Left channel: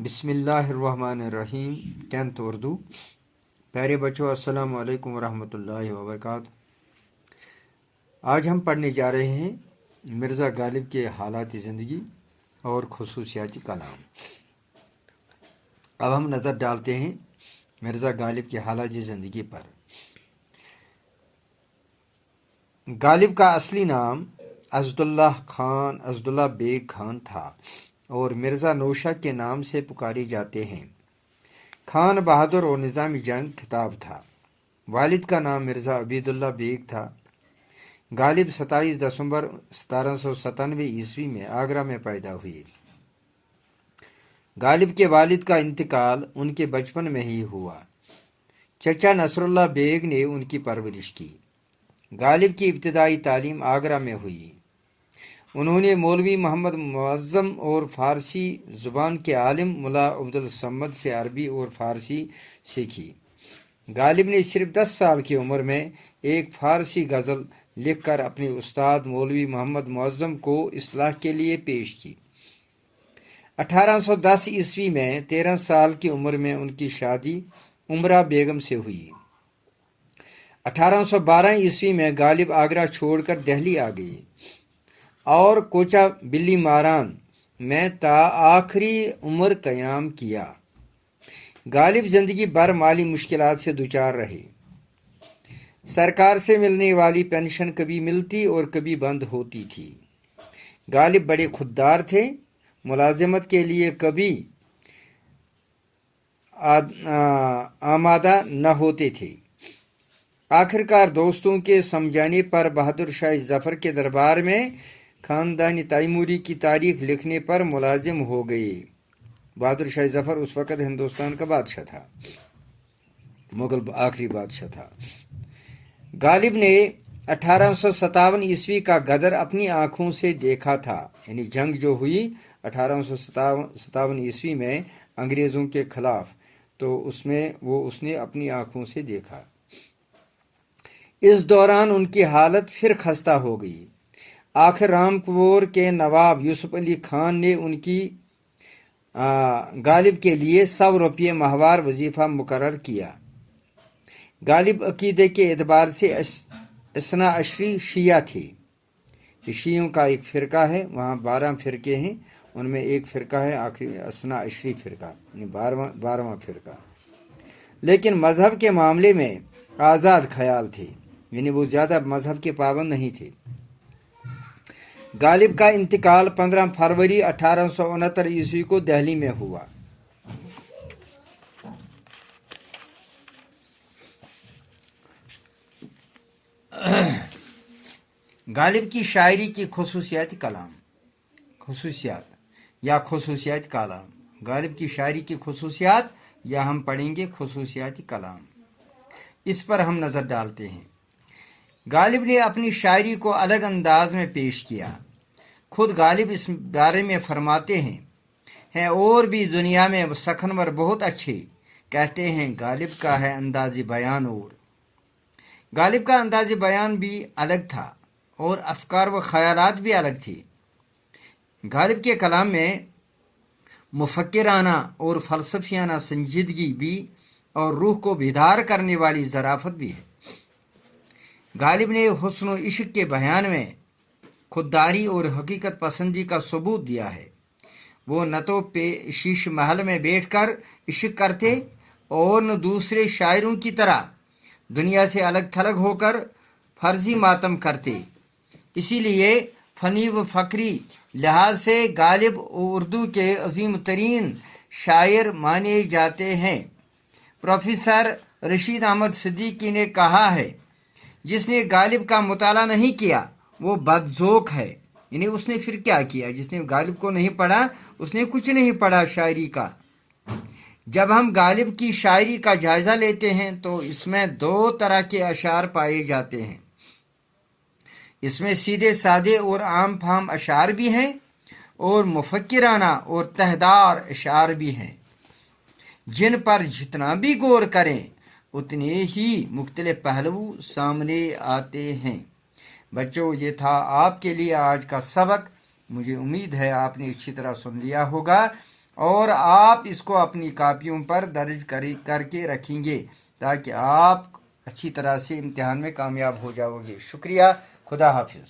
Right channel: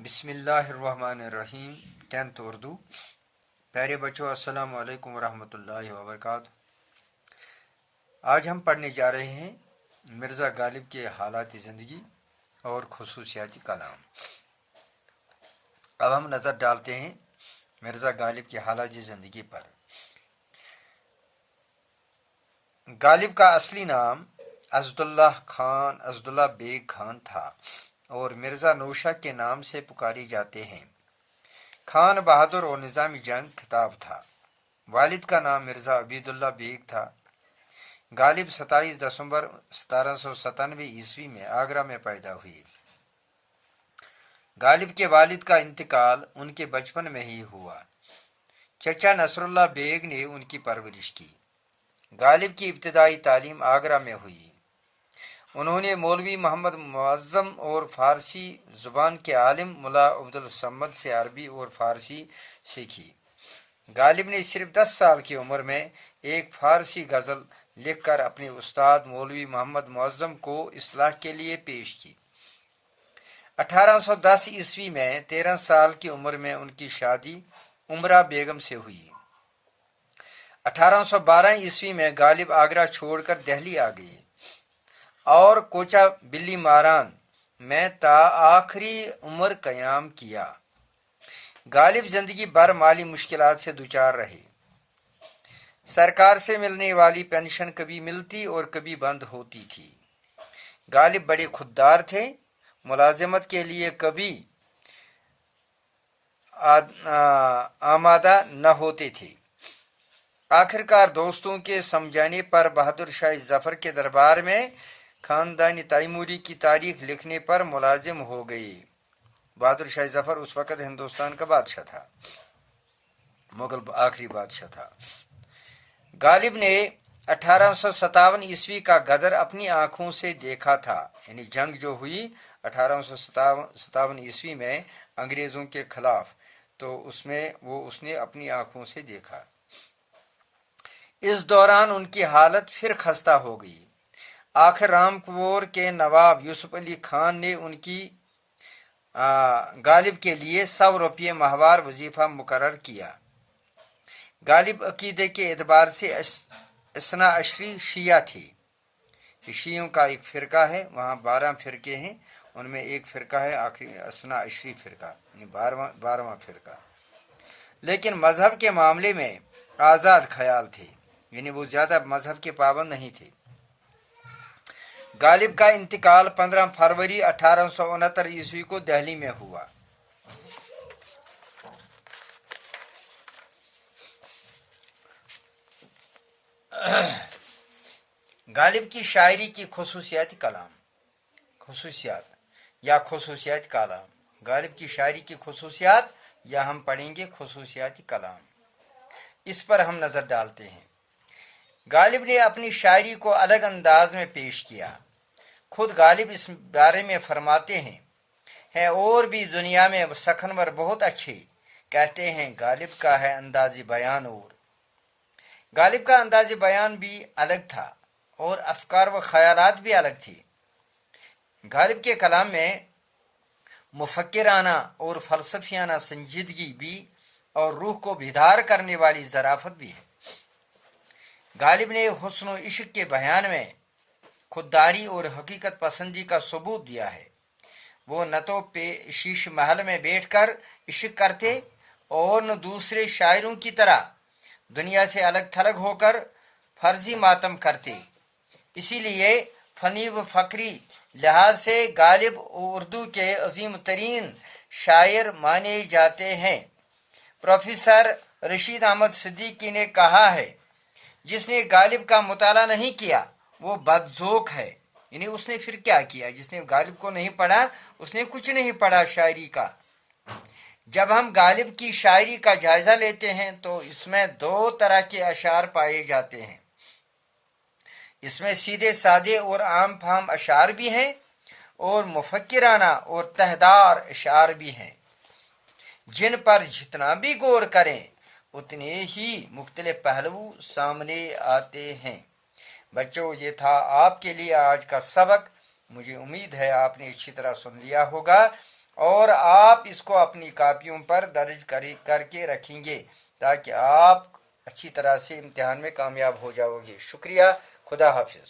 بسم اللہ الرحمن الرحیم 10th اردو۔ پیارے بچوں، السلام علیکم ورحمۃ اللہ وبرکاتہ۔ آج ہم پڑھنے جا رہے ہیں مرزا غالب کے حالات زندگی اور خصوصیاتی کلام۔ اب ہم نظر ڈالتے ہیں مرزا غالب کے حالات زندگی پر۔ غالب کا اصلی نام اسداللہ بیگ خان تھا اور مرزا نوشہ کے نام سے پکارے جاتے ہیں۔ خان بہادر اور نظام جنگ خطاب تھا۔ والد کا نام مرزا عبیداللہ بیگ تھا۔ غالب 27 دسمبر 1797 عیسوی میں آگرہ میں پیدا ہوئے۔ غالب کے والد کا انتقال ان کے بچپن میں ہی ہوا۔ چچا نصر اللہ بیگ نے ان کی پرورش کی۔ غالب کی ابتدائی تعلیم آگرہ میں ہوئی۔ انہوں نے مولوی محمد معظم اور فارسی زبان کے عالم ملا عبدالصمد سے عربی اور فارسی سیکھی۔ غالب نے صرف 10 سال کی عمر میں ایک فارسی غزل لکھ کر اپنے استاد مولوی محمد معظم کو اصلاح کے لیے پیش کی۔ 1810 عیسوی میں 13 سال کی عمر میں ان کی شادی عمرہ بیگم سے ہوئی۔ 1812 عیسوی میں غالب آگرہ چھوڑ کر دہلی آ گئے اور کوچہ بلی ماران میں تا آخری عمر قیام کیا۔ غالب زندگی بھر مالی مشکلات سے دوچار رہے۔ سرکار سے ملنے والی پینشن کبھی ملتی اور کبھی بند ہوتی تھی۔ غالب بڑے خوددار تھے، ملازمت کے لیے کبھی آمادہ نہ ہوتے تھے۔ آخرکار دوستوں کے سمجھانے پر بہادر شاہ ظفر کے دربار میں خاندانی تیموری کی تاریخ لکھنے پر ملازم ہو گئے۔ بہادر شاہ ظفر اس وقت ہندوستان کا بادشاہ تھا، مغل آخری بادشاہ تھا۔ غالب نے 1857 عیسوی کا غدر اپنی آنکھوں سے دیکھا تھا، یعنی جنگ جو ہوئی 1857 عیسوی میں انگریزوں کے خلاف، تو اس نے اپنی آنکھوں سے دیکھا۔ اس دوران ان کی حالت پھر خستہ ہو گئی۔ آخر رامپور کے نواب یوسف علی خان نے ان کی غالب کے لیے 100 روپے ماہوار وظیفہ مقرر کیا۔ غالب عقیدے کے اعتبار سے اثنا عشری شیعہ تھے۔ یہ شیعوں کا ایک فرقہ ہے، وہاں 12 فرقے ہیں، ان میں ایک فرقہ ہے آخری اثنا عشری فرقہ، یعنی 12واں فرقہ۔ لیکن مذہب کے معاملے میں آزاد خیال تھے، یعنی وہ زیادہ مذہب کے پابند نہیں تھے۔ غالب کا انتقال 15 فروری 1869 عیسوی کو دہلی میں ہوا۔ غالب کی شاعری کی خصوصیات کلام۔ غالب کی شاعری کی خصوصیات، یا ہم پڑھیں گے خصوصیاتی کلام، اس پر ہم نظر ڈالتے ہیں۔ غالب نے اپنی شاعری کو الگ انداز میں پیش کیا۔ خود غالب اس بارے میں فرماتے ہیں اور بھی دنیا میں سخنور بہت اچھے، کہتے ہیں غالب کا ہے انداز بیان اور۔ غالب کا انداز بیان بھی الگ تھا اور افکار و خیالات بھی الگ تھے۔ غالب کے کلام میں مفکرانہ اور فلسفیانہ سنجیدگی بھی اور روح کو بیدار کرنے والی ظرافت بھی ہے۔ غالب نے حسن و عشق کے بیان میں خودداری اور حقیقت پسندی کا ثبوت دیا ہے۔ وہ نہ تو شیش محل میں بیٹھ کر عشق کرتے اور نہ دوسرے شاعروں کی طرح دنیا سے الگ تھلگ ہو کر فرضی ماتم کرتے۔ اسی لیے فنی و فکری لحاظ سے غالب اردو کے عظیم ترین شاعر مانے جاتے ہیں۔ پروفیسر رشید احمد صدیقی نے کہا ہے، جس نے غالب کا مطالعہ نہیں کیا وہ بد ذوق ہے۔ یعنی اس نے پھر کیا کیا؟ جس نے غالب کو نہیں پڑھا اس نے کچھ نہیں پڑھا شاعری کا۔ جب ہم غالب کی شاعری کا جائزہ لیتے ہیں تو اس میں 2 طرح کے اشعار پائے جاتے ہیں۔ اس میں سیدھے سادے اور عام فہم اشعار بھی ہیں اور مفکرانہ اور تہدار اشعار بھی ہیں، جن پر جتنا بھی غور کریں اتنے ہی مختلف پہلو سامنے آتے ہیں۔ بچوں، یہ تھا آپ کے لیے آج کا سبق۔ مجھے امید ہے آپ نے اچھی طرح سن لیا ہوگا اور آپ اس کو اپنی کاپیوں پر درج کر کے رکھیں گے تاکہ آپ اچھی طرح سے امتحان میں کامیاب ہو جاؤ گے. شکریہ. خدا حافظ.